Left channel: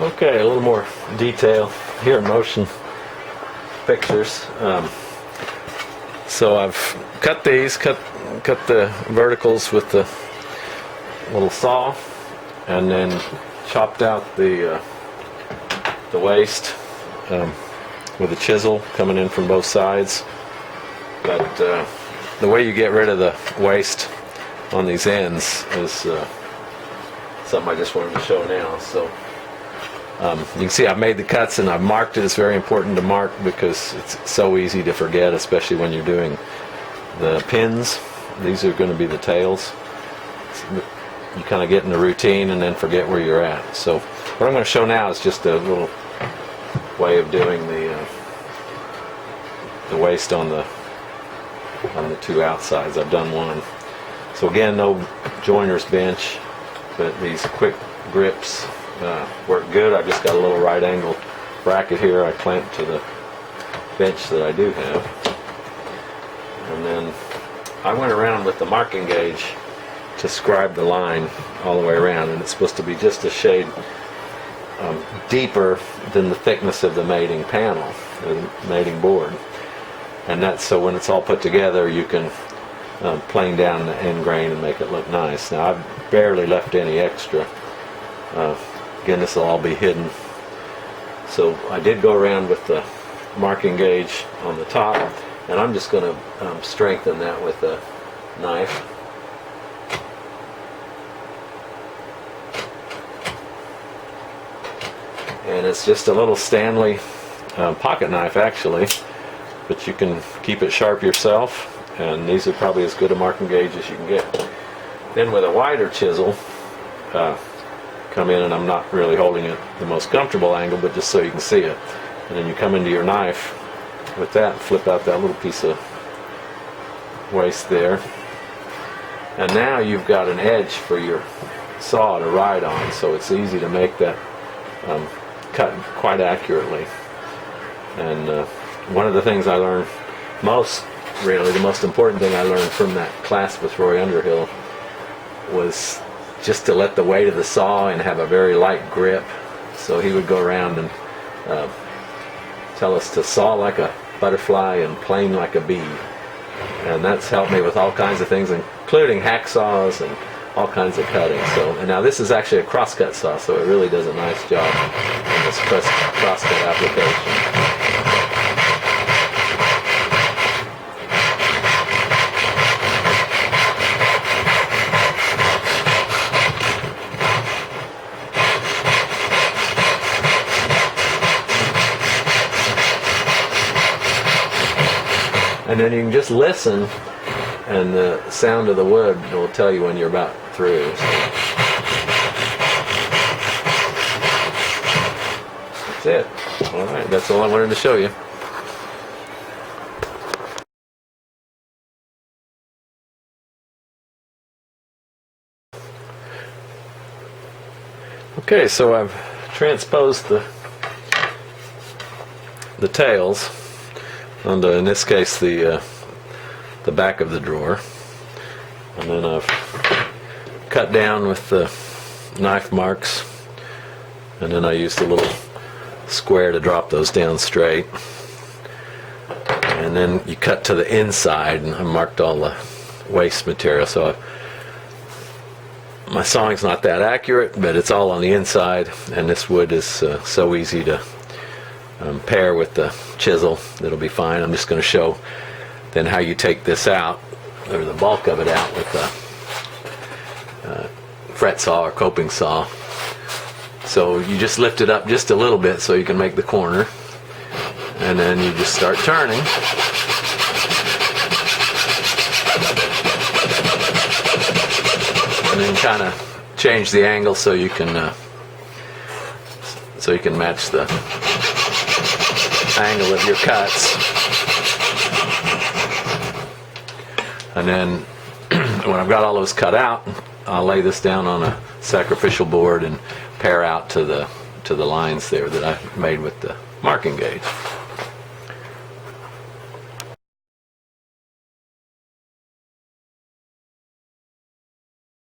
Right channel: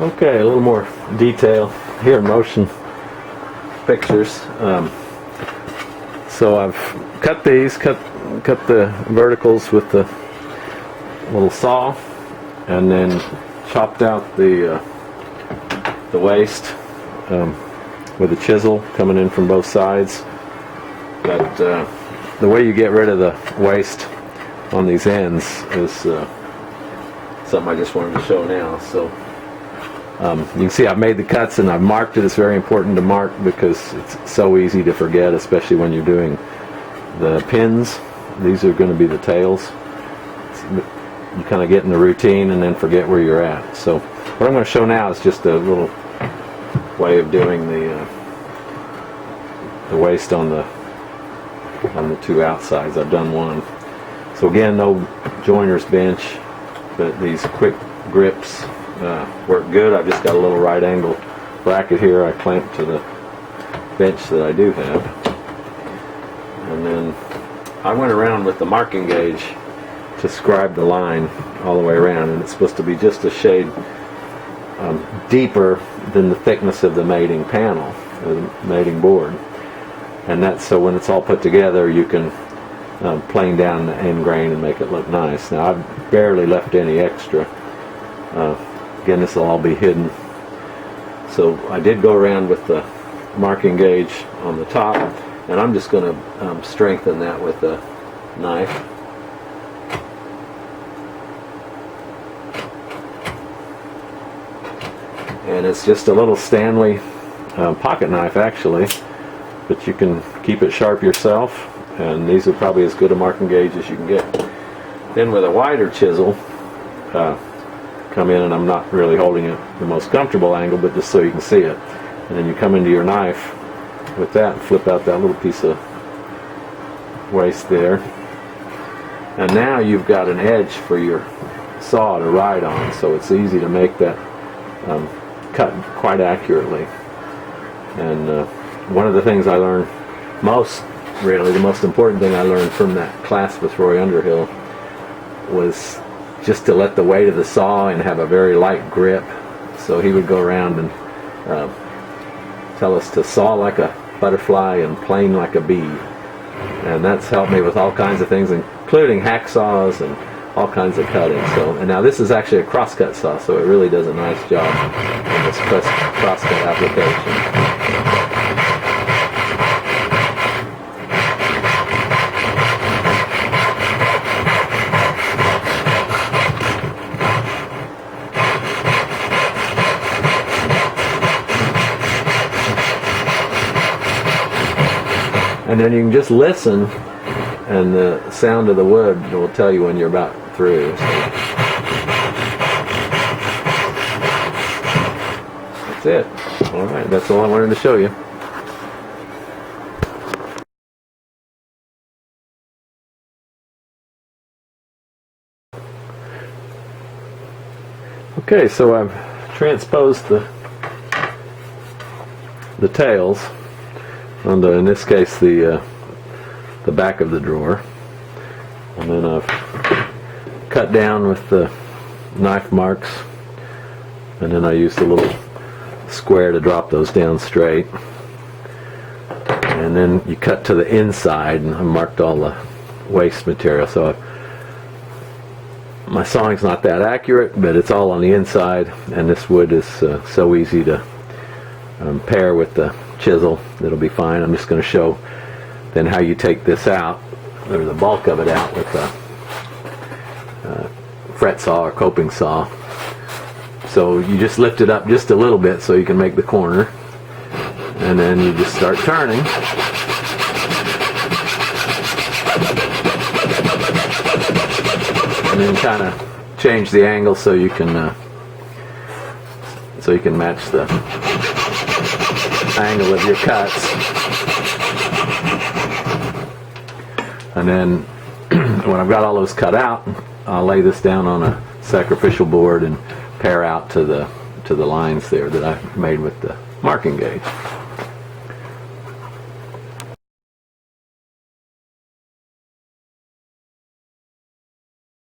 Okay, a little more detail here, motion pictures. So I've cut these, cut the verticals with the little saw, and then chopped out the waist with a chisel coming in from both sides. But the way you get rid of the waist on these ends is something I just wanted to show now. So you can see I've made the cuts and I've marked it. It's very important to mark because it's so easy to forget, especially when you're doing the pins. These are going to be the tails. You kind of get in the routine and then forget where you're at. So what I'm going to show now is just a little way of doing the waist on the two outsides. I've done one. So again, no joiner's bench, but these quick grips work good. I've just got a little right angle bracket here I clamp to the bench that I do have. And then I went around with the marking gauge to scribe the line all the way around, and it's supposed to be just a shade deeper than the thickness of the mating panel, the mating board. And that's so when it's all put together you can plane down the end grain and make it look nice. Now I've barely left any extra. Again, this will all be hidden. So I did go around with the marking gauge on the top, and I'm just going to strengthen that with a knife. And it's just a little Stanley pocket knife actually, but you can keep it sharp yourself, and these are probably as good a marking gauge as you can get. Then with a wider chisel, come in, and I'm not really holding it the most comfortable angle, but just so you can see it. And then you come into your knife with that and flip out that little piece of waste there. And now you've got an edge for your saw to ride on, so it's easy to make that cut quite accurately. And one of the things I learned the most important thing I learned from that class with Roy Underhill was just to let the weight of the saw and have a very light grip. So he would go around and tell us to saw like a butterfly and plane like a bee. And that's helped me with all kinds of things, including hacksaws and all kinds of cutting. So, and now this is actually a crosscut saw, so it really does a nice job of this crosscut application. And then you can just listen, and the sound of the wood will tell you when you're about through. So that's it. All right, that's all I wanted to show you. Okay, so I've transposed the tails onto, in this case, the back of the drawer, and then I've cut down with the knife marks, and then I used a little square to drop those down straight, and then you cut to the inside, and I marked all the waste material. So my sawing's not that accurate, but it's all on the inside, and this wood is so easy to pair with the chisel. It'll be fine. I'm just going to show then how you take this out, or the bulk of it out, with a fret saw or coping saw. So you just lift it up just a little bit so you can make the corner, and then you just start turning. And then kind of change the angle so you can match the angle of your cuts. And then when I've got all those cut out, I'll lay this down on a sacrificial board and pare out to the lines there that I made with the marking gauge.